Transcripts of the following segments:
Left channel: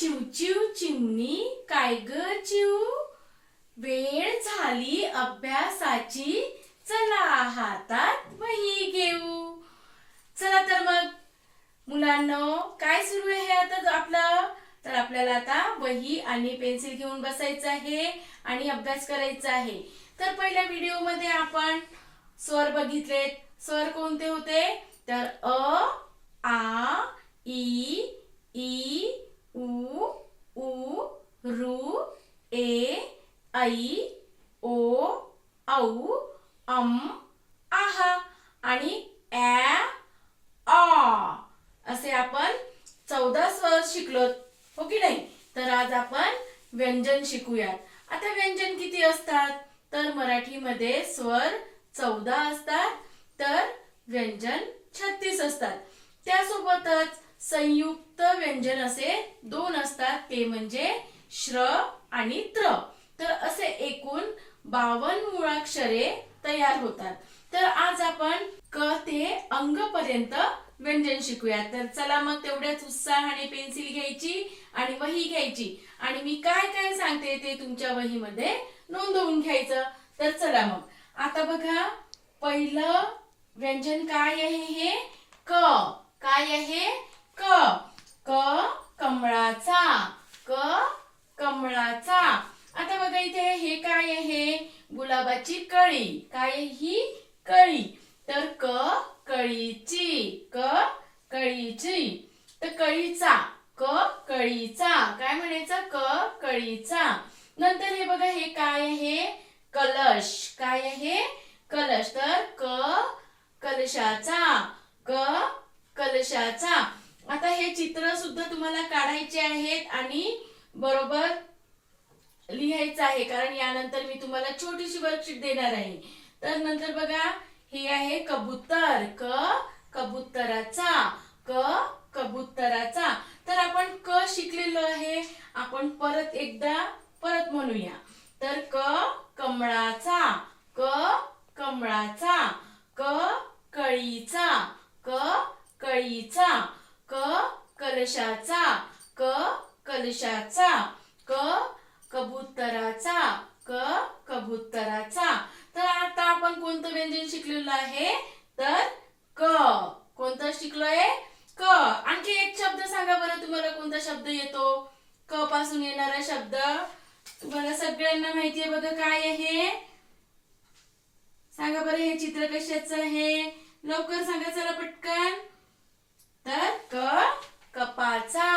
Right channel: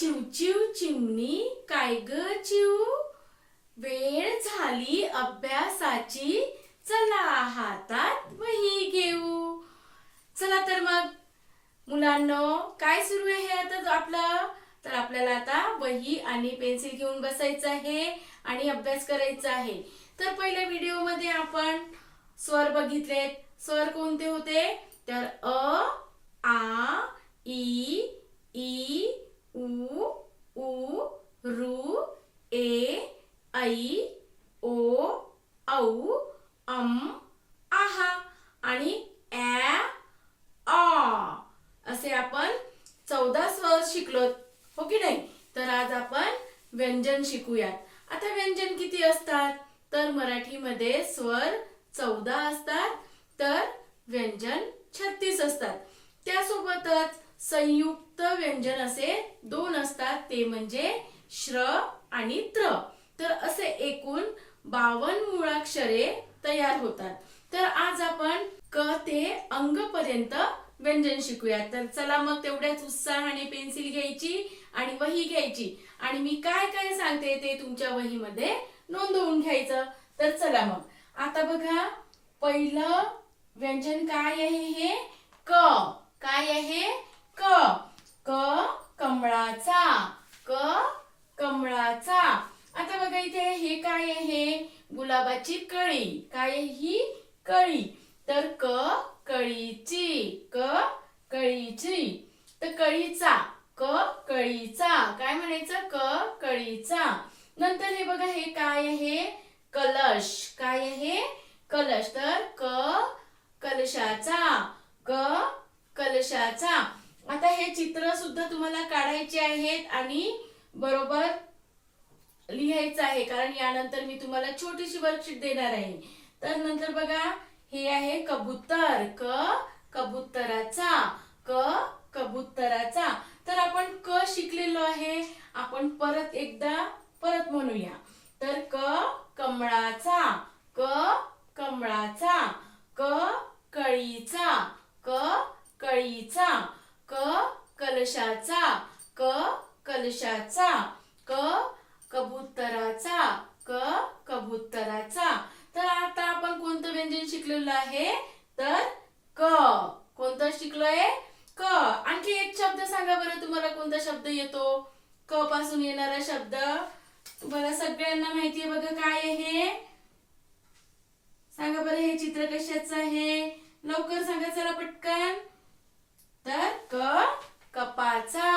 चिवचिव चिमणी काय ग चिव, वेळ झाली अभ्यासाची, चला हातात वही घेऊ. चला तर मग मुलांनो, काय सुरू आहे आता आपलं? तर आपल्याला आता वही आणि पेन्सिल घेऊन बसायचं आहे आणि अभ्यास करायचा आहे. तर पहिल्या व्हिडिओ मध्ये आपण स्वर बघितलेत. स्वर कोणते होते? तर अ, आ, ई, ई, उ, ऊ, ऋ, ए, ऐ, ओ, औ, आहा आणि ऍ, आ असे आपण 14 स्वर शिकलोत, हो की नाही? तर आज आपण व्यंजन शिकूयात. आता व्यंजन किती असतात? तर मराठीमध्ये स्वर 14 असतात, तर व्यंजन 36 असतात. त्यासोबतच संयुक्त व्यंजन असे 2 असतात, ते म्हणजे श्र आणि त्र. तर असे एकूण 52 मुळाक्षरे तयार होतात. तर आज आपण क ते अंग पर्यंत व्यंजन शिकूया. तर चला मग तेवढ्याच उत्साहाने पेन्सिल घ्यायची आणि वही घ्यायची आणि मी काय काय सांगते ते तुमच्या वहीमध्ये नोंदवून घ्यायचं. तर चला मग आता बघा, पहिलं व्यंजन काय आहे? हे क. काय आहे? क. क कमळाचा. क कमळाचा. आता बघा इथे हे काय आहे? गुलाबाची कळी. काय आहे ही? कळी. तर क कळीची. क कळीची. तर कळीचा. क कळीचा. काय म्हणायचं? क कळीचा. नंतर हे बघा, हे काय आहे? कलश. काय आहे? कलश. तर क कलशाचा. क कलशाचा. आता हे चित्र सुद्धा तुम्हाला काढायचे आहेत आणि बरोबर लिहायचं आहे, कारण यानंतर मी तुम्हाला छोटीशी वर्कशीट देणार आहे. तर नंतर बघा, हे आहे कबूतर. क कबुतराचा. क कबुतराचा. तर आपण क शिकलेलो आहे, आपण परत एकदा म्हणूया. तर क कमळाचा. क कमळाचा. क कळीचा. क कळीचा. क कलशाचा. क कलशाचा. क कबुतराचा. क कबुतराचा. तर आता आपण कोणतं व्यंजन शिकलेलं आहे? तर क. कोणतं शिकलोय? क. आणखी एक शब्द सांगा बरं, तुम्हाला कोणता शब्द येतो? क पासून येणारा शब्द तुम्हाला सगळ्यांना माहिती आहे बघा. काय आहे? सांगा बरं, हे चित्र कशाचं आहे? लवकर सांगा, चला पटकन. तर क कपाचा.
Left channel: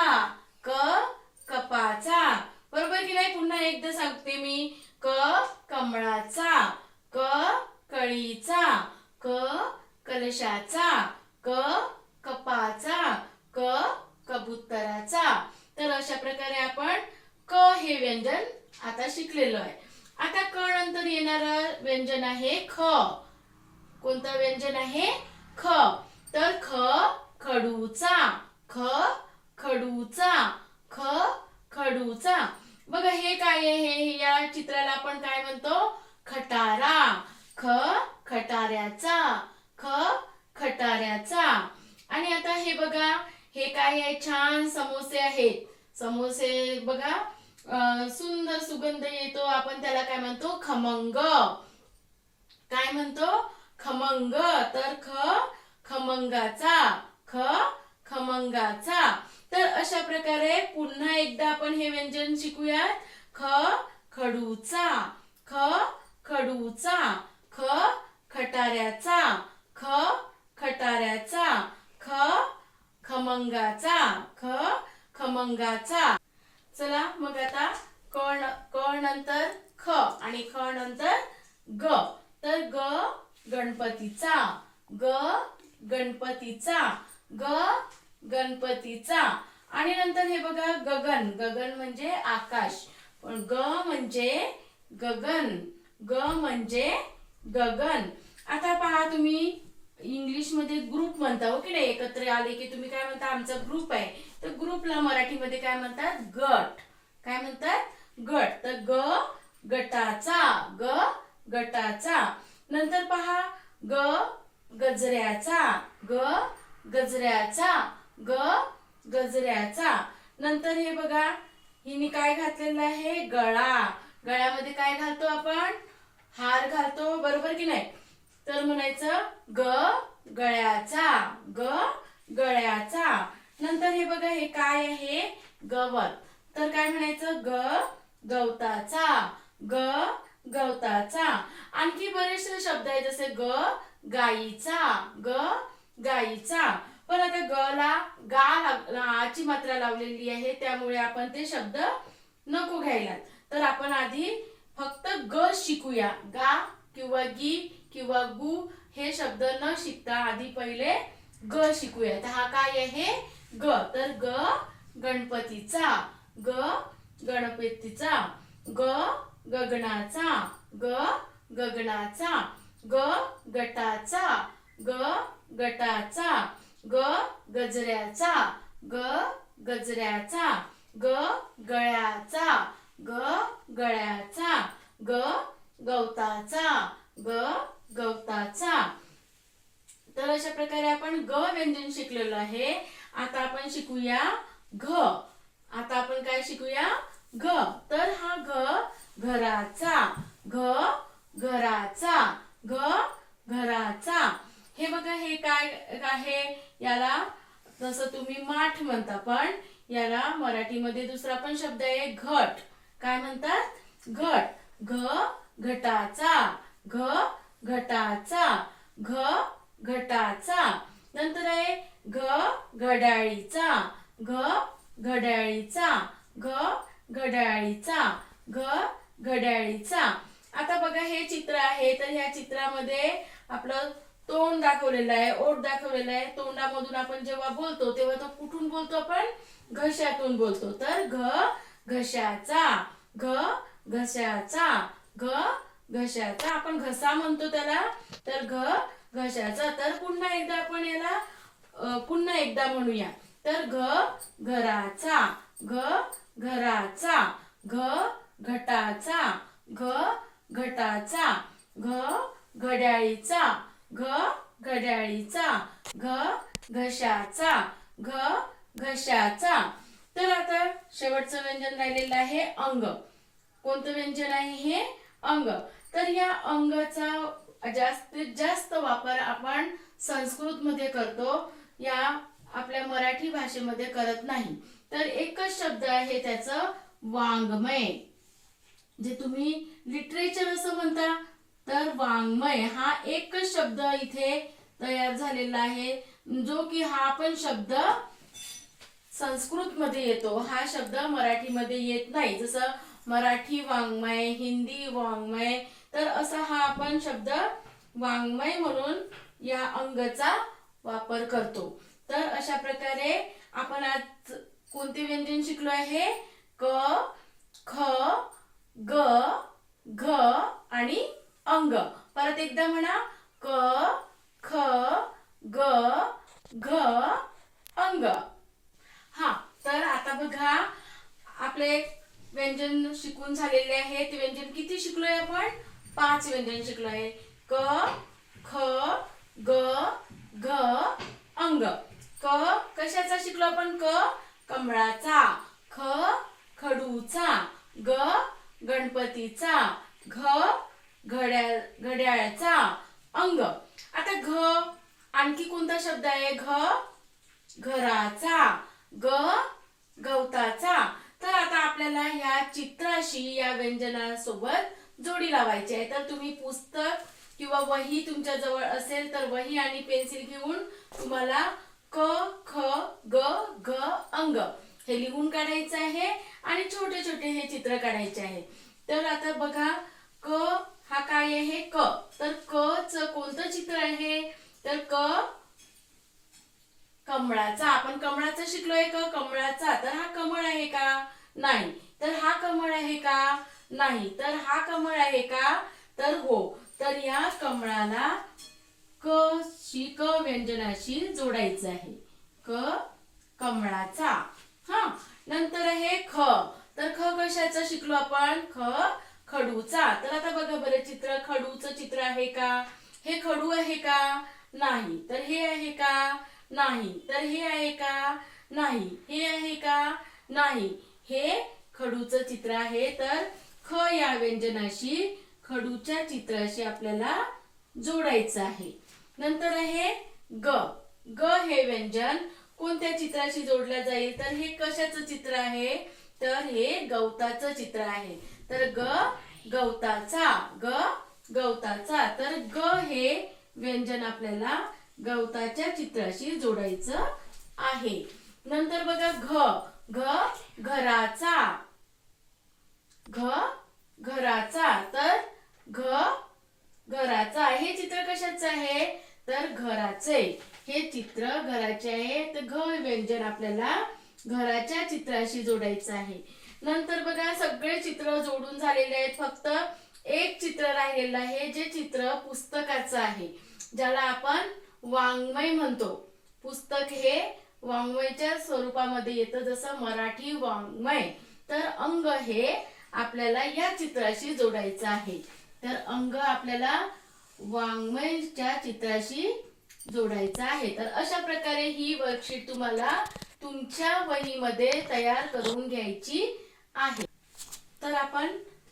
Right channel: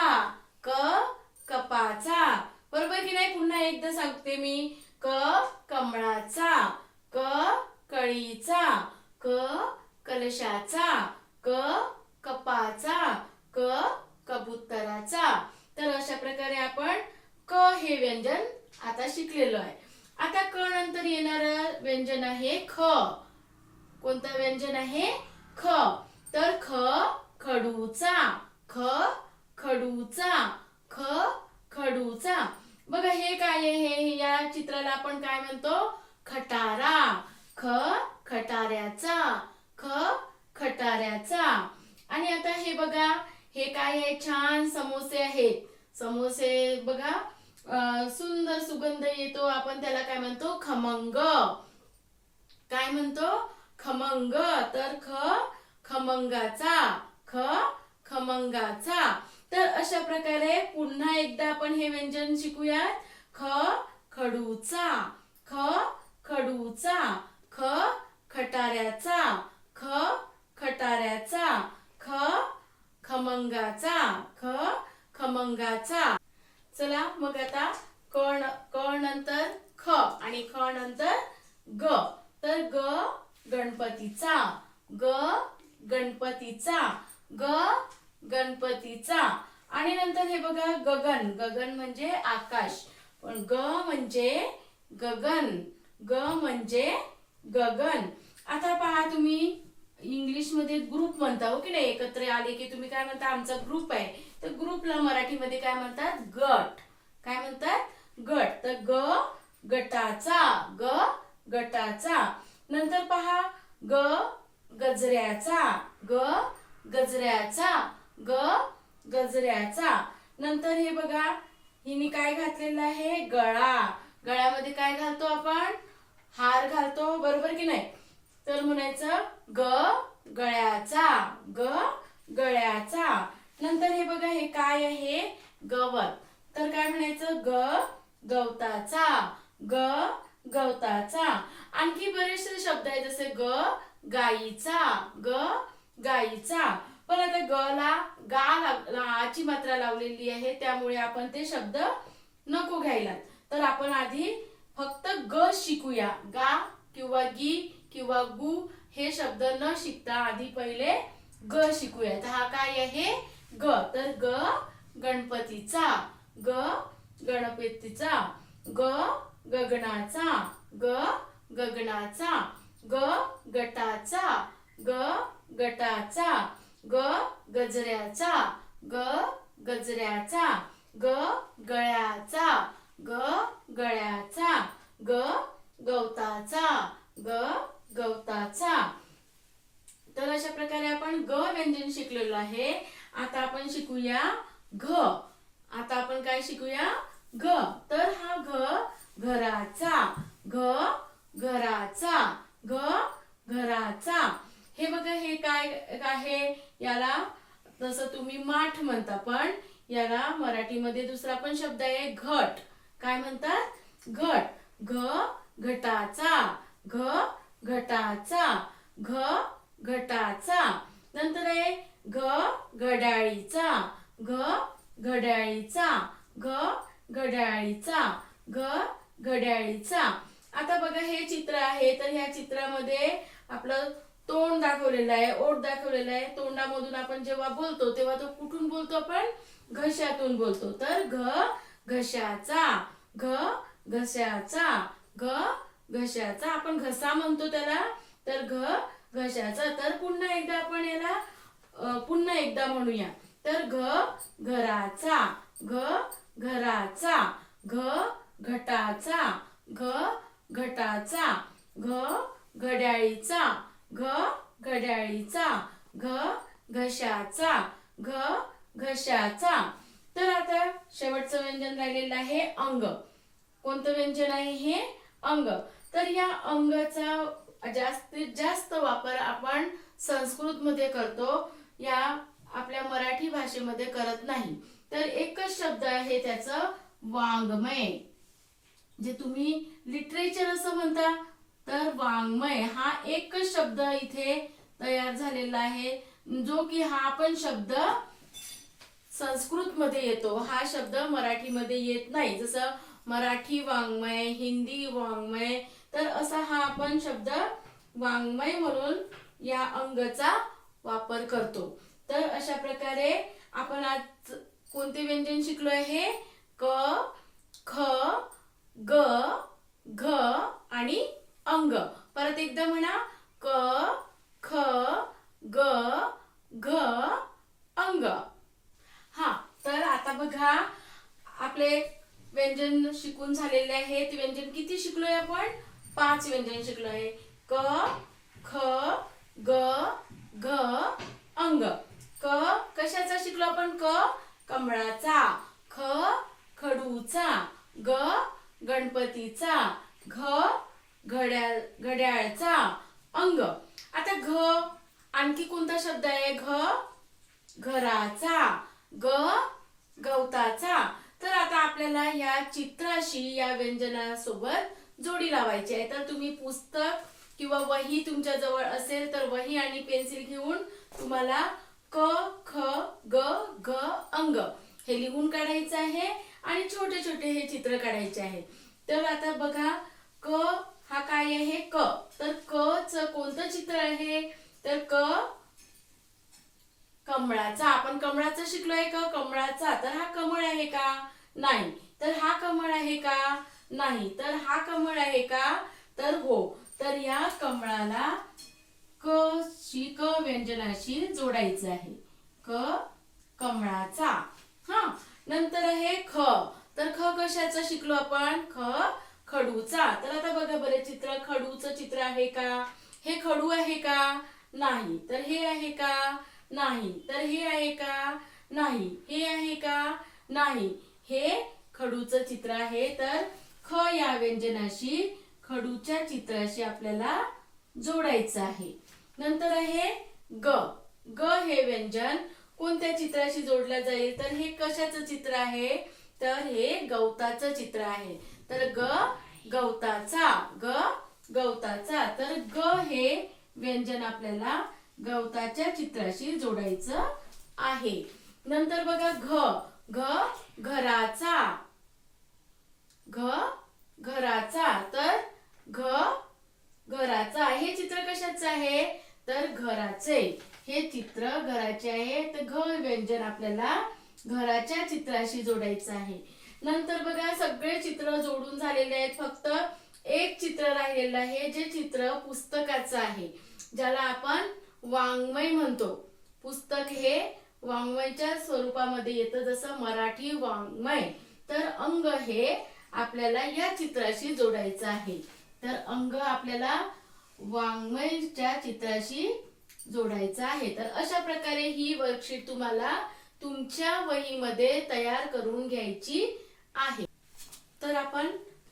क कपाचा. बरोबर की नाही? पुन्हा एकदा सांगते मी. क कमळाचा. क कळीचा. क कलशाचा. क कपाचा. क कबुतराचा. तर अशा प्रकारे आपण क हे व्यंजन आता शिकलेलो आहे. आता क नंतर येणारं व्यंजन आहे ख. कोणतं व्यंजन आहे? ख. तर ख खडूचा. ख खडूचा. ख खडूचा. बघा हे काय आहे? या चित्राला आपण काय म्हणतो? खटारा. ख खटाऱ्याचा. ख खटाऱ्याचा. आणि आता हे बघा, हे काय आहे? छान समोसे आहेत. समोसे बघा, सुंदर सुगंध येतो, आपण त्याला काय म्हणतो? खमंग. काय म्हणतो? खमंग. तर ख खमंगाचा. ख खमंगाचा. तर अशा प्रकारे पुन्हा एकदा आपण हे व्यंजन शिकूया. ख खडूचा. ख खडूचा. ख खटाऱ्याचा. ख खटाऱ्याचा. ख खमंगाचा. ख खमंगाचा. चला मग आता क नंतर ख आणि ख नंतर ग. तर ग गणपतीचा. ग गणपतीचा. ग गणपतीचा. आणि नंतर हे बघा, गगन. गगन म्हणजे आकाश, पण ग म्हणजे गगन. ग म्हणजे गगन. आता पहा, तुम्ही इंग्लिश मध्ये ग्रुप म्हणता, हो की नाही? एकत्र आले की तुम्ही काय म्हणता? आमचा ग्रुप आहे. तर ग्रुपला मराठीमध्ये काय म्हणतात? गट. काय म्हणतात? गट. तर ग गटाचा. ग गटाचा. नंतर पहा, ग गजऱ्याचा. ग गजऱ्याचा. ग गजऱ्याचा. नंतर हे बघा, हिने काय घातलेलं आहे, गळा. गळ्यामध्ये काय घालतो आपण, हार घालतो, बरोबर की नाही. तर म्हणायचं ग गळ्याचा, ग गळ्याचा. नंतर हे बघा, हे काय आहे, गवत. तर काय म्हणायचं, ग गवताचा, ग गवताचा. आणखी बरेचसे शब्द आहेत, जसे ग गाईचा, ग गाईचा. पण आता ग ला ची मात्रा लावलेली आहे, त्यामुळे आपण ते शब्द नको घ्यायला. तर आपण आधी फक्त ग शिकूया. गा किंवा गी किंवा गु हे शब्द न शिकता आधी पहिले ग शिकूया. तर हा काय आहे, ग. तर ग गणपतीचा, ग गणपतीचा. ग गगनाचा, ग गगनाचा. ग गटाचा, ग गटाचा. ग गजऱ्याचा, ग गजऱ्याचा. ग गळ्याचा, ग गळ्याचा. ग गवताचा, ग गवताचा. तर अशा प्रकारे आपण ग व्यंजन शिकलेलो आहे. आता आपण शिकूया घ. आता आपण काय शिकूया, घ. तर हा घ घराचा, घ घराचा. घ घराचा. हे बघा, हे काय आहे, याला जसं तुम्ही माठ म्हणता, पण याला मराठीमध्ये दुसरा पण शब्द आहे, घट. काय म्हणतात, घट. घ घटाचा, घ घटाचा. घ घटाचा. नंतर आहे घ घड्याळीचा, घ घड्याळीचा. घ घड्याळीचा, घ घड्याळीचा. आता बघा, हे चित्र आहे. तर ह्या चित्रामध्ये आपलं तोंड दाखवलेलं आहे, ओठ दाखवलेलं आहे. तोंडामधून आपण जेव्हा बोलतो तेव्हा तो कुठून बोलतो, आपण घशातून बोलतो. तर घ घशाचा, घ घशाचा. घ घशाचा. आपण घसा म्हणतो त्याला, तर घ घशाचा. तर पुन्हा एकदा आपण याला पुन्हा एकदा म्हणूया. तर घ घराचा, घ घराचा. घ घटाचा, घ घटाचा. घ घड्याळीचा, घ घड्याळीचा. घ घशाचा, घ घशाचा. तर आता शेवटचं व्यंजन राहिलेलं आहे अंग. कोणतं व्यंजन आहे हे, अंग. तर या अंगाचा जास्तीत जास्त वापर आपण संस्कृत मध्ये करतो, या आपल्या मराठी भाषेमध्ये करत नाही. तर एकच शब्द आहे त्याचं, वाङ्मय. जे तुम्ही लिटरेचर असं म्हणता, तर वाङ्मय हा एकच शब्द इथे तयार झालेला आहे, जो की हा पण शब्द संस्कृत मध्ये येतो. हा शब्द मराठीमध्ये येत नाही. जसं मराठी वाङ्मय, हिंदी वाङ्मय, तर असा हा आपण शब्द वाङ्मय म्हणून या अंगचा वापर करतो. तर अशा प्रकारे आपण आज कोणते व्यंजन शिकलो आहे, क ख ग घ आणि अंग. परत एकदा म्हणा, क ख ग घ अंग. हा, तर आता बघा, आपले व्यंजन शिकून झालेले आहे. ते व्यंजन किती शिकलोय आपण, 5 व्यंजन शिकलो आहे. क ख ग घ अंग. क कशाचा शिकलो आपण, क कमळाचा. ख खडूचा. ग गणपतीचा. घ घड्याळाचा. अंग. आता घ आणखी कोणता शब्द आहे, घ घराचा. ग गवताचा. तर आता आपल्याला या चित्राशी, या व्यंजनासोबत जोडी लावायची आहे. तर तुम्ही पुस्तक किंवा वही तुमच्या जवळ असेल तर वही आणि पेन्सिल घेऊन तुम्हाला क ख ग घ अंग हे लिहून काढायचं आहे आणि छोटे छोटे हे चित्र काढायचे आहे. तर आता बघा, क हा काय आहे, क. तर क च कोणतं चित्र आहे, तर क कमळाचा. आपण कमळाचं शिकलोय, क कमळाचा. तर हा कमळ आहे का, नाही. तर हा कमळ आहे का, नाही. तर हा कमळ आहे का, तर हो. तर या कमळाला क व्यंजनाशी जोडायचं आहे, क कमळाचा. हा, नंतर आहे ख. तर ख कशाचं शिकलो आपण, ख खडूचा. तर आता बघा बरे, चित्र खडूचं चित्र आहे का, हे खडू आहे का, नाही. तर हे आहे का, नाही. तर हे आहे का, नाही. हे आहे का, नाही. हे खडूचं चित्र आहे, तर ख या व्यंजनाशी खडूच्या चित्राशी आपल्याला जोडायचं आहे. नंतर आहे ग. ग हे व्यंजन कोणत्या चित्राशी जोडल्या जाईल, तर हे कशाचं चित्र आहे, तर हे गवताचं चित्र आहे. तर ग गवताचा, ग गवताचा. तर ग हे व्यंजन आपल्याला गवताच्या चित्राशी जोडायचं आहे. नंतर बघा घ. घ घराचा, घ घराचा. तर घ घराचा हे चित्र कशाचं आहे, तर घराचे. हे चित्र घराचे आहे, तर घ व्यंजन आपल्याला घराच्या चित्राशी जोडायचं आहे. नंतर बघा सगळे चित्र जोडून झालेले आहेत, फक्त एक चित्र राहिलेलं आहे, जे चित्र पुस्तकाचं आहे, ज्याला आपण वाङ्मय म्हणतो. पुस्तक हे वाङ्मयाच्या स्वरूपामध्ये येतं, जसं मराठी वाङ्मय. तर अंग हे आपल्याला या चित्राशी जोडायचं आहे. तर अंग आपल्याला वाङ्मयाच्या चित्राशी जोडायचं आहे. तर अशा प्रकारे ही वर्कशीट तुम्हाला तुमच्या वहीमध्ये तयार करून घ्यायची आहे. तर आपण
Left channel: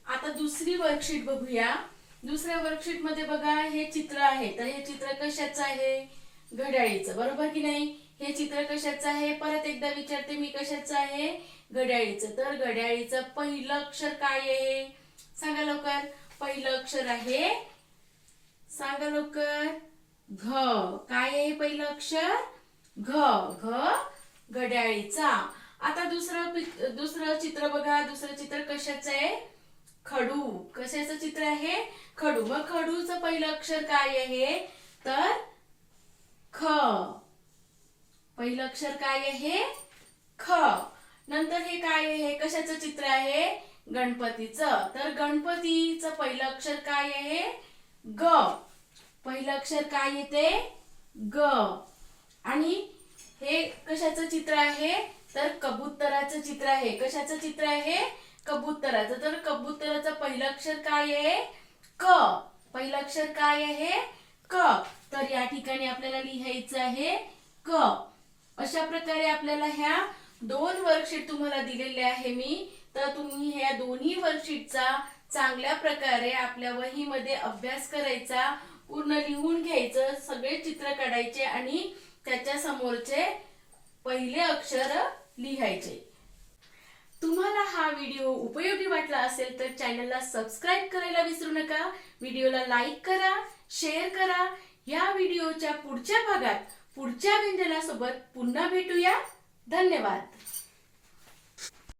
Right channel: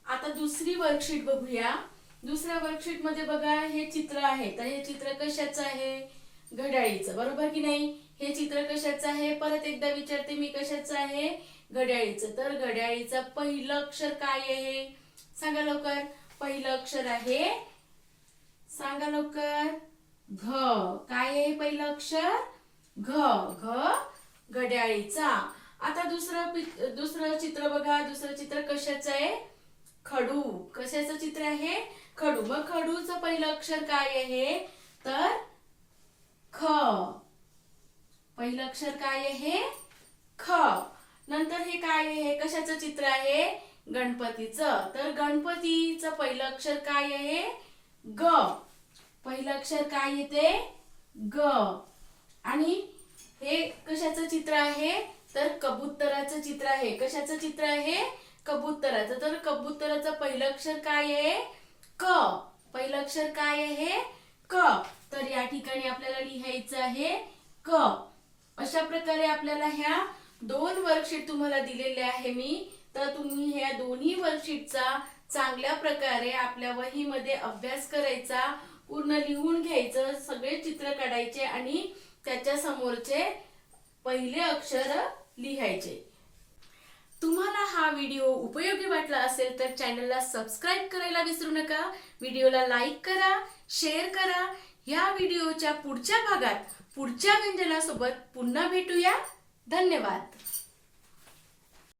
आता दुसरी वर्कशीट बघूया. दुसऱ्या वर्कशीट मध्ये बघा हे चित्र आहे. तर हे चित्र कशाचं आहे, घड्याळीचं, बरोबर की नाही. हे चित्र कशाचं आहे, परत एकदा विचारते मी, कशाचं आहे, घड्याळीचं. तर घड्याळीचं पहिलं अक्षर काय आहे, सांगा लवकर. पहिलं अक्षर आहे, सांगा लवकर, घ. काय आहे पहिलं अक्षर, घ. घ घड्याळीचा. आता दुसरं चित्र बघा. दुसरं चित्र कशाचं आहे, खडू. कशाचं चित्र आहे, खडू. मग खडूचं पहिलं अक्षर काय आहे, तर ख. पहिलं अक्षर काय आहे, ख. नंतर हे काय आहे, कशाचं चित्र आहे, गणपतीचं. तर गणपतीचं पहिलं अक्षर काय आहे, ग. पहिलं अक्षर काय येते, ग. आणि हे कशाचं चित्र आहे, तर कबुतराचं चित्र आहे. कशाचं चित्र आहे, कबुतराचं. तर कबुतराचं पहिलं अक्षर काय आहे, क. पहिलं अक्षर काय आहे, क. तर या ठिकाणी आपल्याला लिहायचं आहे क. अशा प्रकारे आपल्याला ह्या दोन वर्कशीट तुम्हाला दिलेल्या आहे मी. तर तुम्ही ह्या दोन्ही वर्कशीटचा चांगल्या प्रकारे आपल्या वहीमध्ये अभ्यास करायचा, पूर्ण लिहून घ्यायचं, सगळे चित्र काढायचे आणि त्याच्या समोरचे पहिले अक्षर लिहायचे. तुम्हाला हा व्हिडिओ उपयोगी वाटला असेल तर चॅनलला सबस्क्राईब करायला विसरू नका. व्हिडिओला लाईक करा, शेअर करा. या व्हिडिओच्या पुढच्या भागात पुढच्या व्यंजनासोबत पुन्हा भेटूया. धन्यवाद.